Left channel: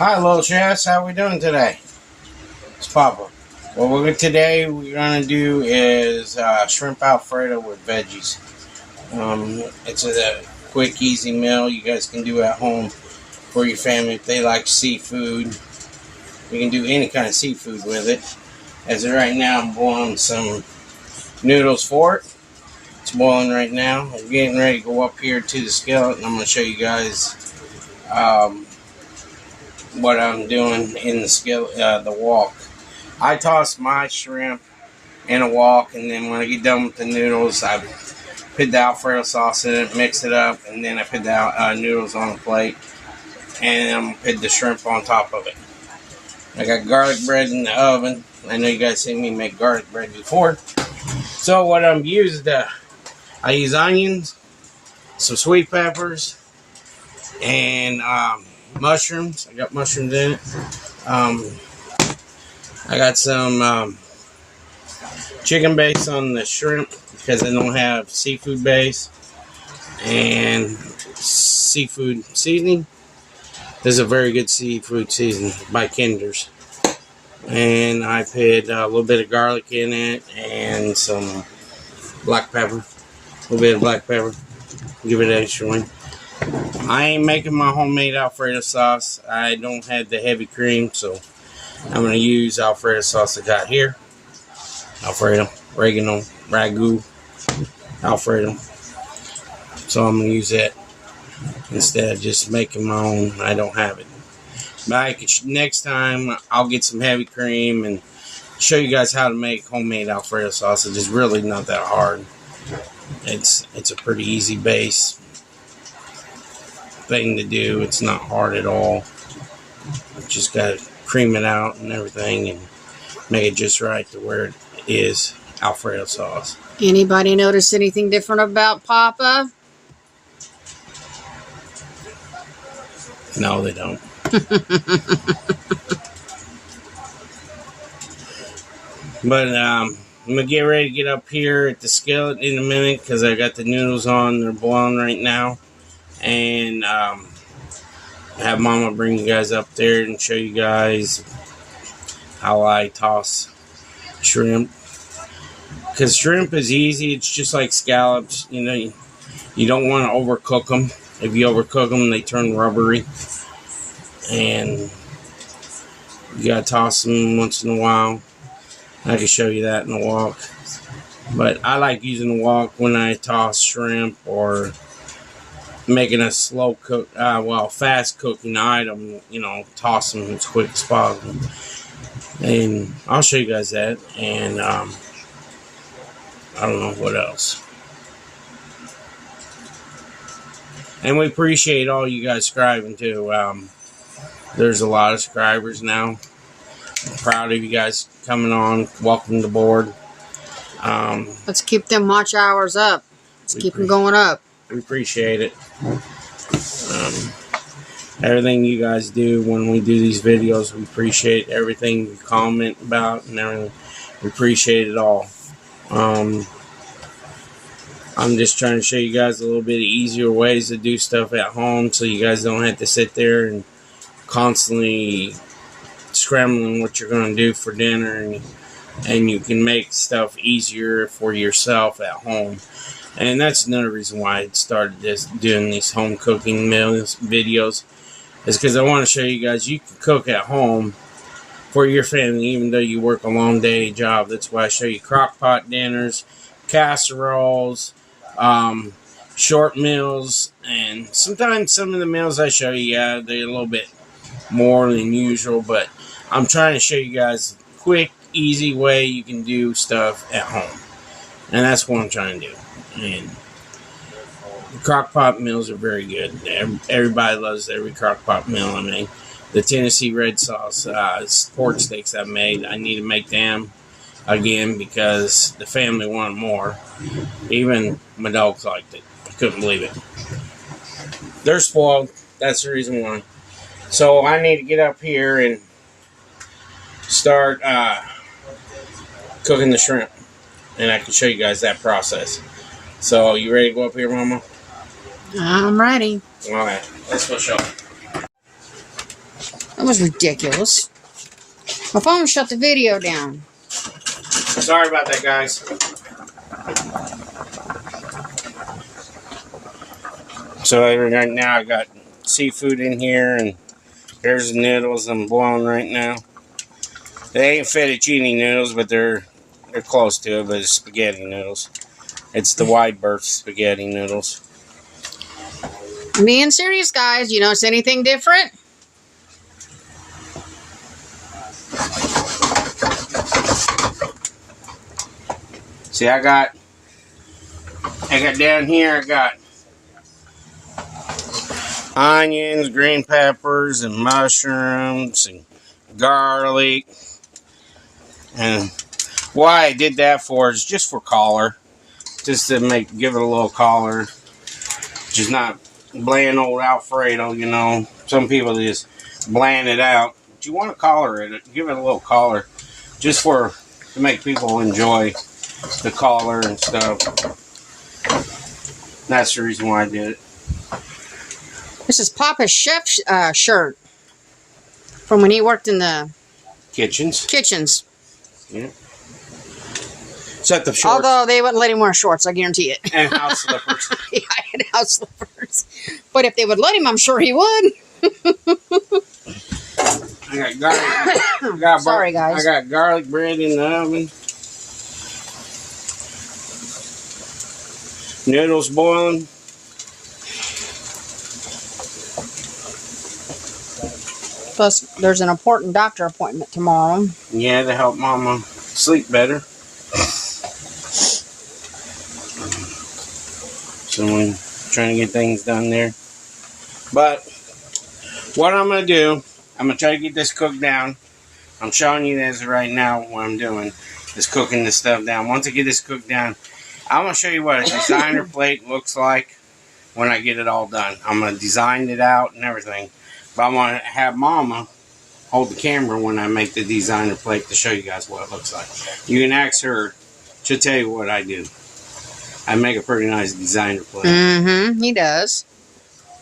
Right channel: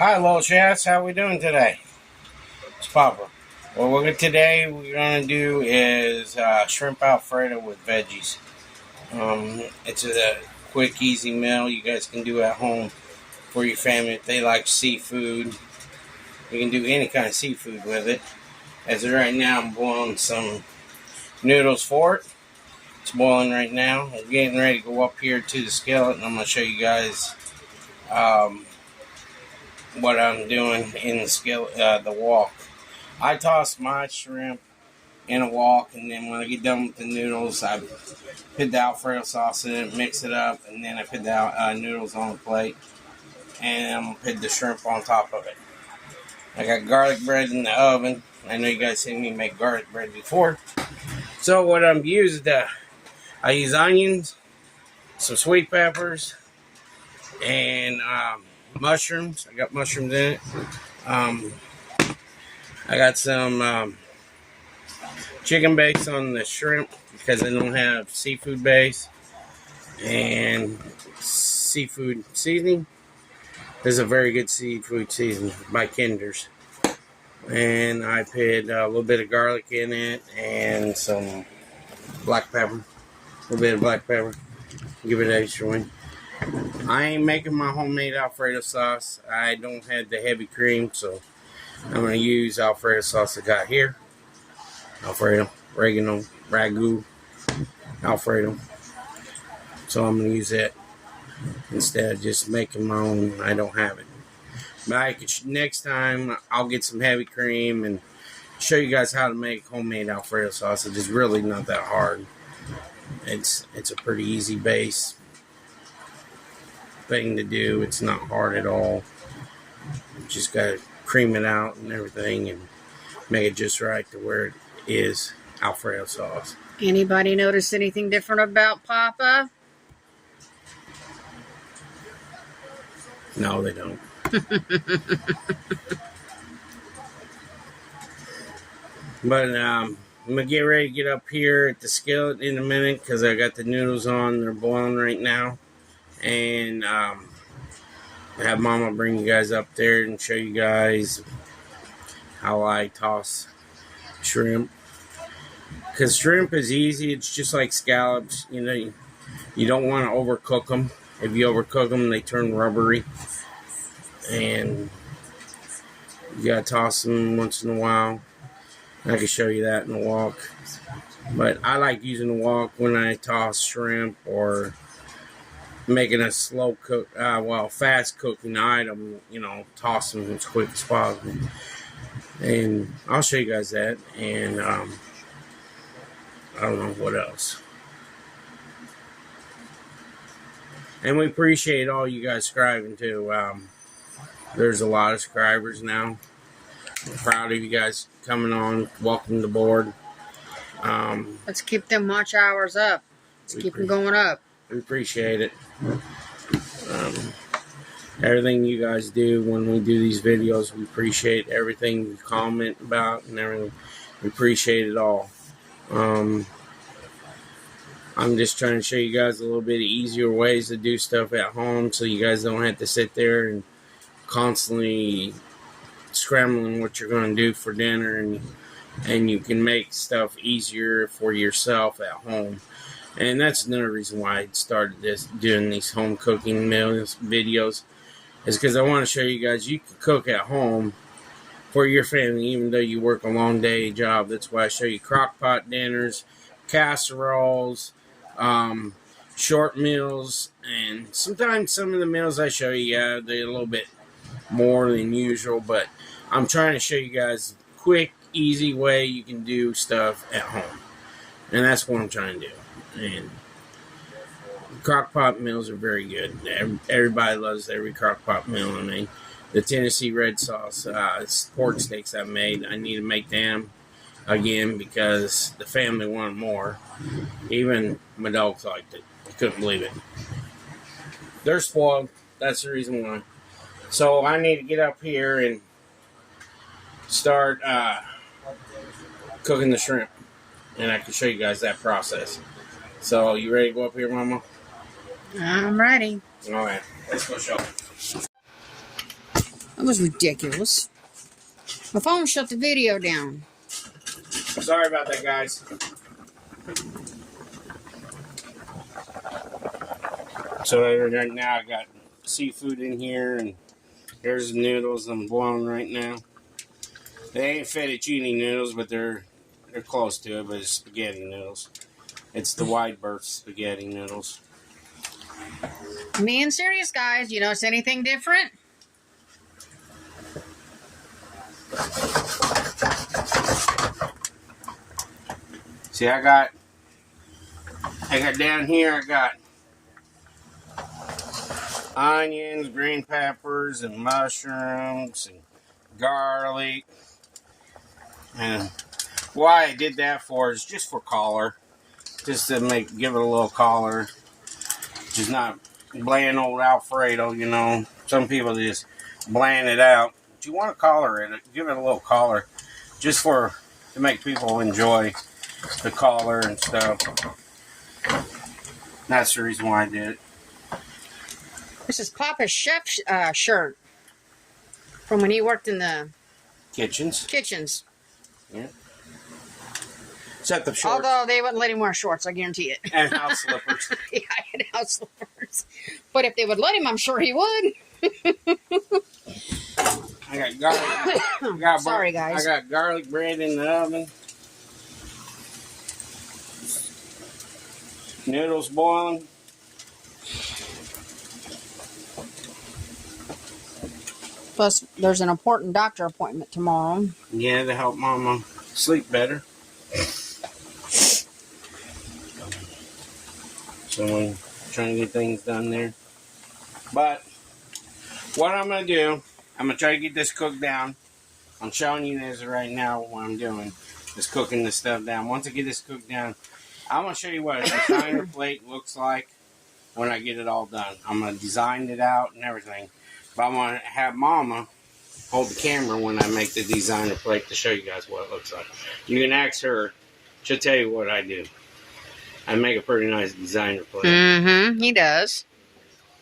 Hi, little chats. How we doing today? It's Papa. Today we're gonna do is shrimp Alfredo with veggies. It's a quick, easy meal you guys can do at home for your family if they like seafood. You can do any kind of seafood with it. As of right now, I'm boiling some noodles for it. It's boiling right now. I'm getting ready to go up here to the skillet, and I'm gonna show you guys what I'm doing in the skillet, the wok. I toss my shrimp in a wok, and then when I get done with the noodles, I put the Alfredo sauce in it, mix it up, and then I put the noodles on a plate, and I'm gonna put the shrimp on top of it. I got garlic bread in the oven. I know you guys seen me make garlic bread before. So what I'm using, I use onions, some sweet peppers, and mushrooms. I got mushrooms in it. I got some chicken base on the shrimp because I don't have seafood base, and seafood seasoning. This is a very good seafood seasoning by Kinder's. And I put a little bit of garlic in it and some black pepper. A little bit of black pepper. Give it an extra one. I ain't making my homemade Alfredo sauce. I don't have the heavy cream, so I'm going to use Alfredo sauce I got here. Alfredo, oregano, ragu, Alfredo. So I'm going to use that instead of just making my own. I don't have it. But next time I'll get some heavy cream and show you guys how to make homemade Alfredo sauce. It's just really not that hard. It's a pretty easy base thing to do. It's not hard at all. Just got to cream it out and everything and make it just right to where it is Alfredo sauce. Anybody notice anything different about Papa? No, they don't. But I'm gonna get ready to get up here at the skillet in a minute because I got the noodles on. They're boiling right now, and have Mama bring you guys up there and show you guys how I toss shrimp. Because shrimp is easy. It's just like scallops. You know, you don't want to overcook them. If you overcook them, they turn rubbery. And you gotta toss them once in a while. I can show you that in the wok. But I like using the wok when I toss shrimp or making a slow cook, fast cooking item. You know, toss them as quick as possible. And I'll show you guys that. And I don't know what else. And we appreciate all you guys subscribing too. There's a lot of subscribers now. I'm proud of you guys coming on. Welcome to board. Let's keep them watch hours up. Let's keep them going up. We appreciate it. Everything you guys do when we do these videos, we appreciate everything you comment about and everything. We appreciate it all. I'm just trying to show you guys a little bit easier ways to do stuff at home so you guys don't have to sit there and constantly scrambling what you're going to do for dinner, and you can make stuff easier for yourself at home. And that's another reason why I started doing these home cooking meals videos, is because I want to show you guys you can cook at home for your family even though you work a long day job. That's why I show you crock pot dinners, casseroles, short meals, and sometimes some of the meals I show you, they're a little bit more than usual, but I'm trying to show you guys a quick, easy way you can do stuff at home, and that's what I'm trying to do. And the crock pot meals are very good. Everybody loves every crock pot meal. I mean, the Tennessee red sauce pork steaks I made, I need to make them again because the family wanted more. Even my dogs liked it. I couldn't believe it. They're spoiled. That's the reason why. So I need to get up here and start cooking the shrimp, and I can show you guys that process. So you ready to go up here, Mama? I'm ready. All right, let's go show. That was ridiculous. My phone shut the video down. Sorry about that, guys. So right now I got seafood in here, and here's the noodles I'm boiling right now. They ain't fettuccine noodles, but they're close to it, but it's spaghetti noodles. It's the wide berth spaghetti noodles. I'm being serious, guys. You notice anything different? See, I got down here, I got onions, green peppers, and mushrooms, and garlic. And why I did that for is just for color. Just to give it a little color. Just not bland old Alfredo, you know. Some people just bland it out. But you want to color it. Give it a little color. Just to make people enjoy the color and stuff. That's the reason why I did it. This is Papa's chef shirt from when he worked in the Kitchens. Yeah. Except the shorts. Although they wouldn't let him wear shorts, I guarantee it. And house slippers. Yeah, and house slippers. But if they would let him, I'm sure he would. I got garlic. Sorry, guys. I got garlic bread in the oven. Noodles boiling. Plus, there's an important doctor appointment tomorrow. Yeah, to help Mama sleep better. So I'm trying to get things done there. But what I'm going to do, I'm going to try to get this cooked down. I'm showing you this right now what I'm doing is cooking this stuff down. Once I get this cooked down, I'm going to show you what a designer plate looks like when I get it all done. I'm going to design it out and everything. But I want to have Mama hold the camera when I make the designer plate to show you guys what it looks like. You can ask her. She'll tell you what I do. I make a pretty nice designer plate. Mm-hmm, he does.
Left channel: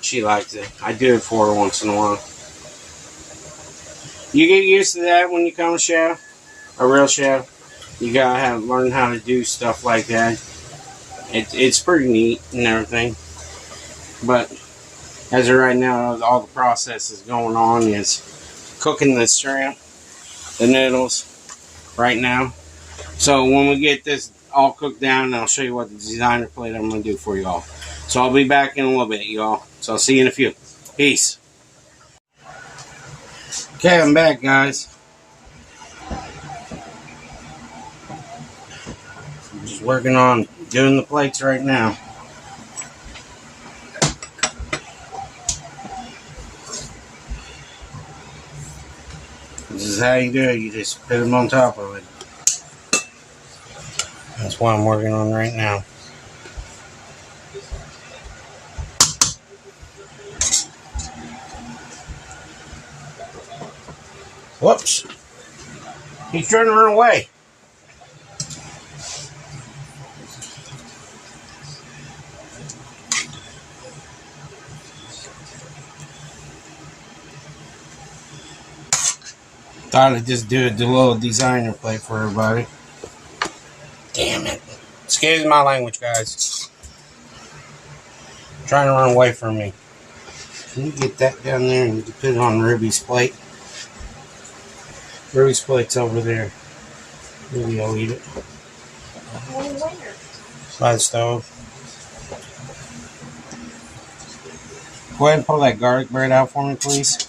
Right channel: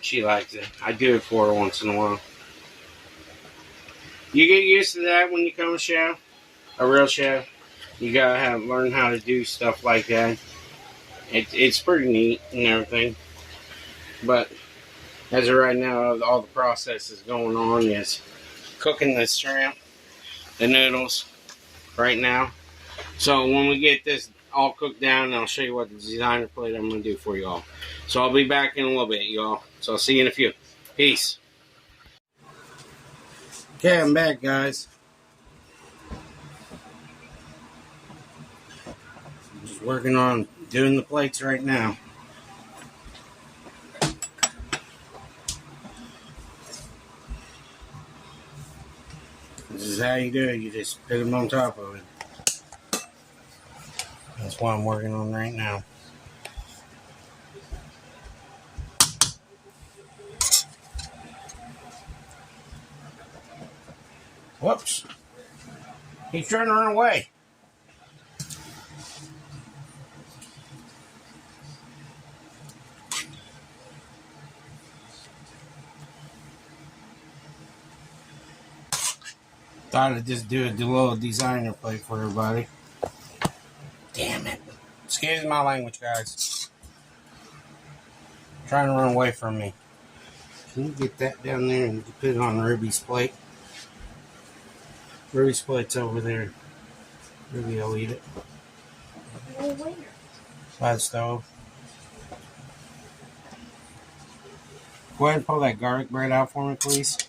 She likes it. I do it for her once in a while. You get used to that when you become a chef, a real chef. You gotta learn how to do stuff like that. It's pretty neat and everything. But as of right now, all the process is going on is cooking the shrimp, the noodles, right now. So when we get this all cooked down, I'll show you what the designer plate I'm going to do for you all. So I'll be back in a little bit, y'all. So I'll see you in a few. Peace. Okay, I'm back, guys. I'm just working on doing the plates right now. This is how you do it. You just put them on top of it. That's what I'm working on right now. Whoops. He's trying to run away. Thought I'd just do a little designer plate for everybody. Damn it. Excuse my language, guys. Trying to run away from me. Can you get that down there and put it on Ruby's plate? Ruby's plate's over there. Ruby will eat it. By the stove. Go ahead and pull that garlic bread out for me, please.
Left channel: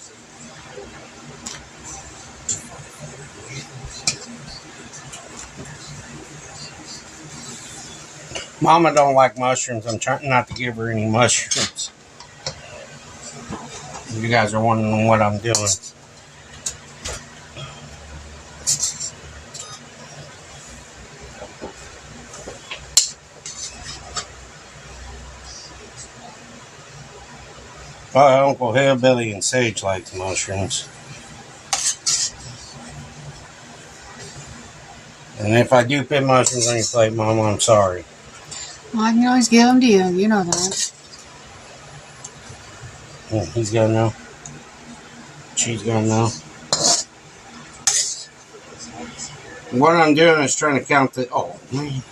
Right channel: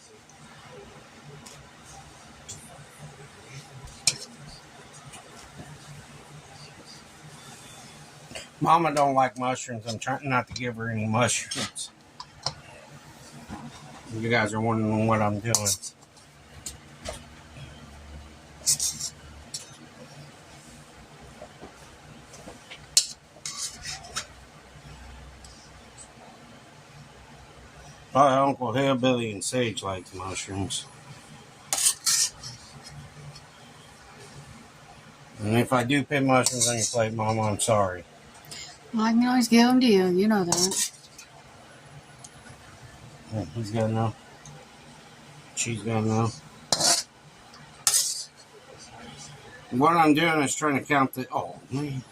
Mama don't like mushrooms. I'm trying not to give her any mushrooms. You guys are wondering what I'm doing. Uncle Hillbilly and Sage likes mushrooms. And if I do put mushrooms on your plate, Mama, I'm sorry. Well, I can always give them to you. You know that. He's got to know. She's gonna know. What I'm doing is trying to count the. Oh man.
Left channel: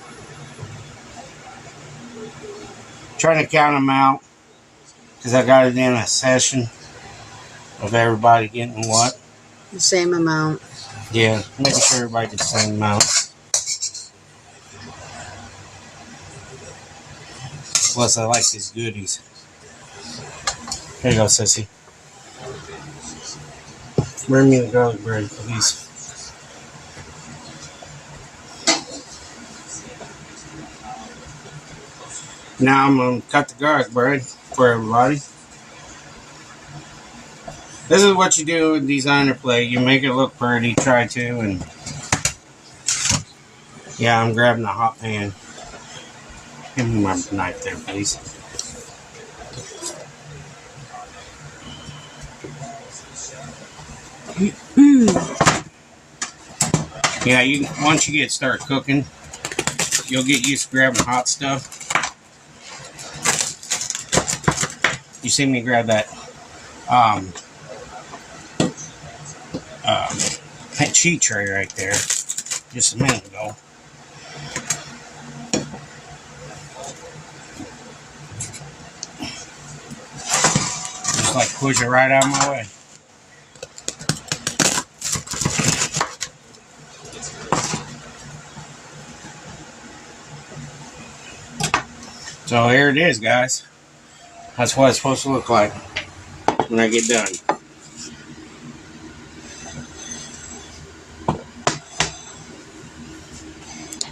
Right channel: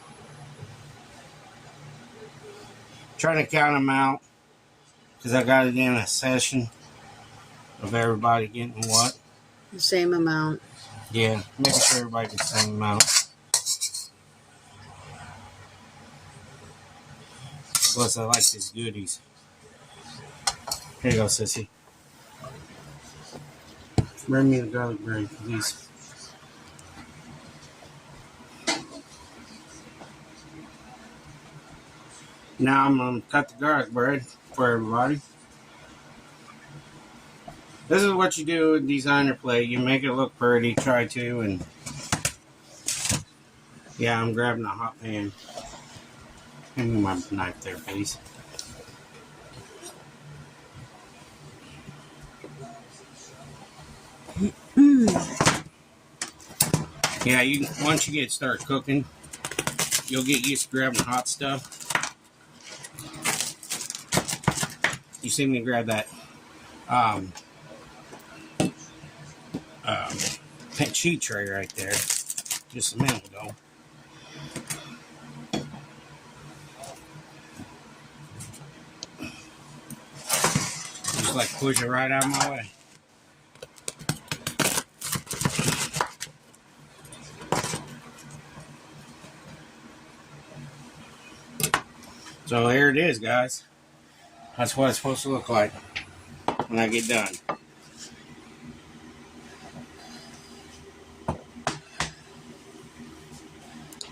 Trying to count them out because I got it in a session of everybody getting what. The same amount. Yeah, making sure everybody gets the same amount. Plus, I like these goodies. Here you go, sissy. Bring me the garlic bread, please. Now I'm going to cut the garlic bread for everybody. This is what you do with designer plate. You make it look pretty, try to, and yeah, I'm grabbing a hot pan. Give me my knife there, please. Yeah, once you start cooking, you'll get used to grabbing hot stuff. You see me grab that sheet tray right there just a minute ago. Just like push it right out of my way. So here it is, guys. That's what it's supposed to look like when I get done.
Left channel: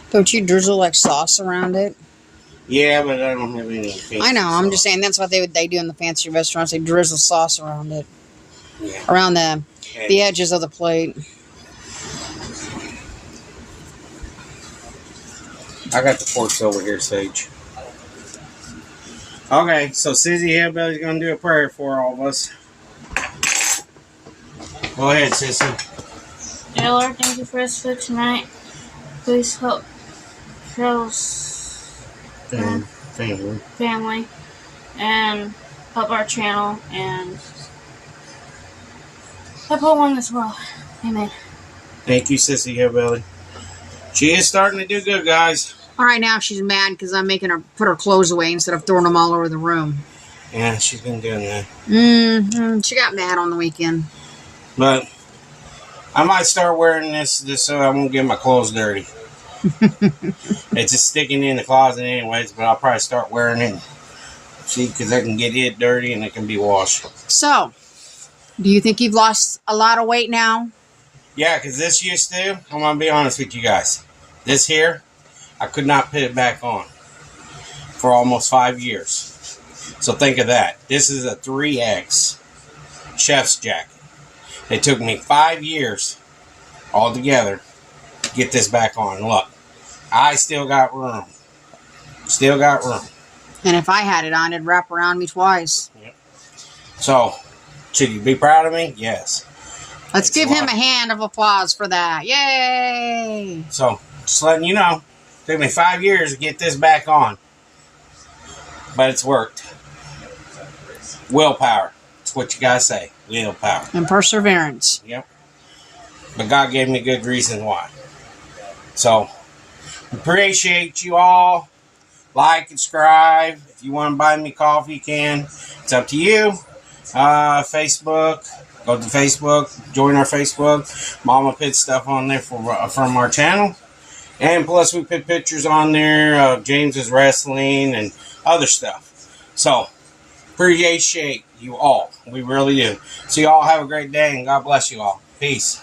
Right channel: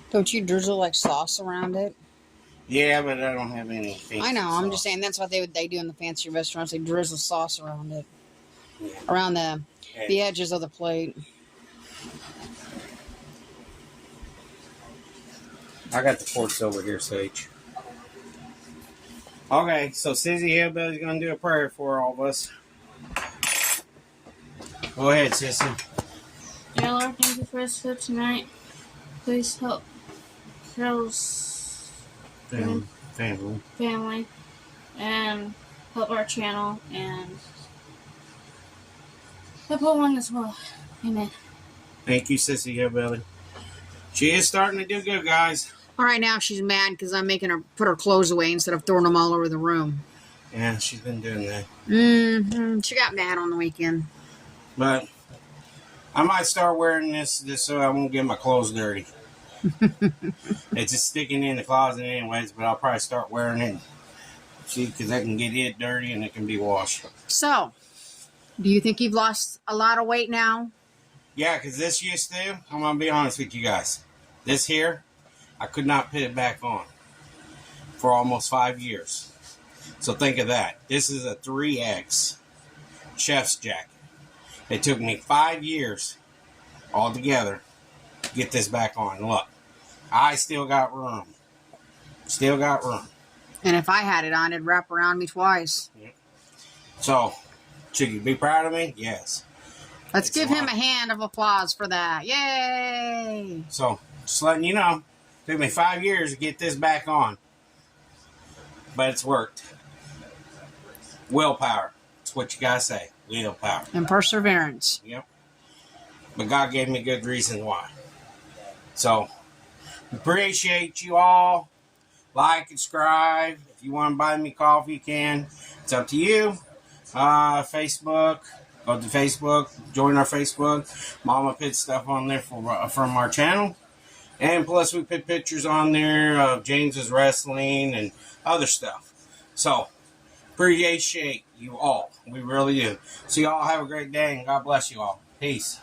Don't you drizzle like sauce around it? Yeah, but I don't have any fancy I know. I'm sauce. just saying that's what they do in the fancy restaurants. They drizzle sauce around it, Yeah. around the edges of the plate. I got the forks over here, Sage. Okay, so Sizzy Hillbilly's gonna do a prayer for all of us. Go ahead, Sissy. Dear Lord, thank you for this food tonight. Please help Cheryl's family and help our channel and help everyone as well. Amen. Thank you, Sissy Hillbilly. She is starting to do good, guys. All right, now she's mad because I'm making her put her clothes away instead of throwing them all over the room. Yeah, she's been doing that. She got mad on the weekend. But I might start wearing this so I won't get my clothes dirty. It's just sticking in the closet anyways, but I'll probably start wearing it. See, because I can get it dirty and it can be washed. So, do you think you've lost a lot of weight now? Yeah, because this used to, I'm going to be honest with you guys. This here, I could not put it back on for almost 5 years. So think of that. This is a 3X chef's jacket. It took me 5 years altogether to get this back on. Look, I still got room. Still got room. And if I had it on, it'd wrap around me twice. Yep. So, should you be proud of me? Yes. Let's give him a hand of applause for that. Yay! So, just letting you know, it took me 5 years to get this back on. But it's worked. Willpower. That's what you gotta say. Willpower. And perseverance. Yep. But God gave me good reason why. So, appreciate you all. Like and subscribe. If you want to buy me coffee, you can. It's up to you. Facebook. Go to Facebook. Join our Facebook. Mama put stuff on there from our channel. And plus we put pictures on there of James's wrestling and other stuff. So, appreciate you all. We really do. So you all have a great day and God bless you all. Peace.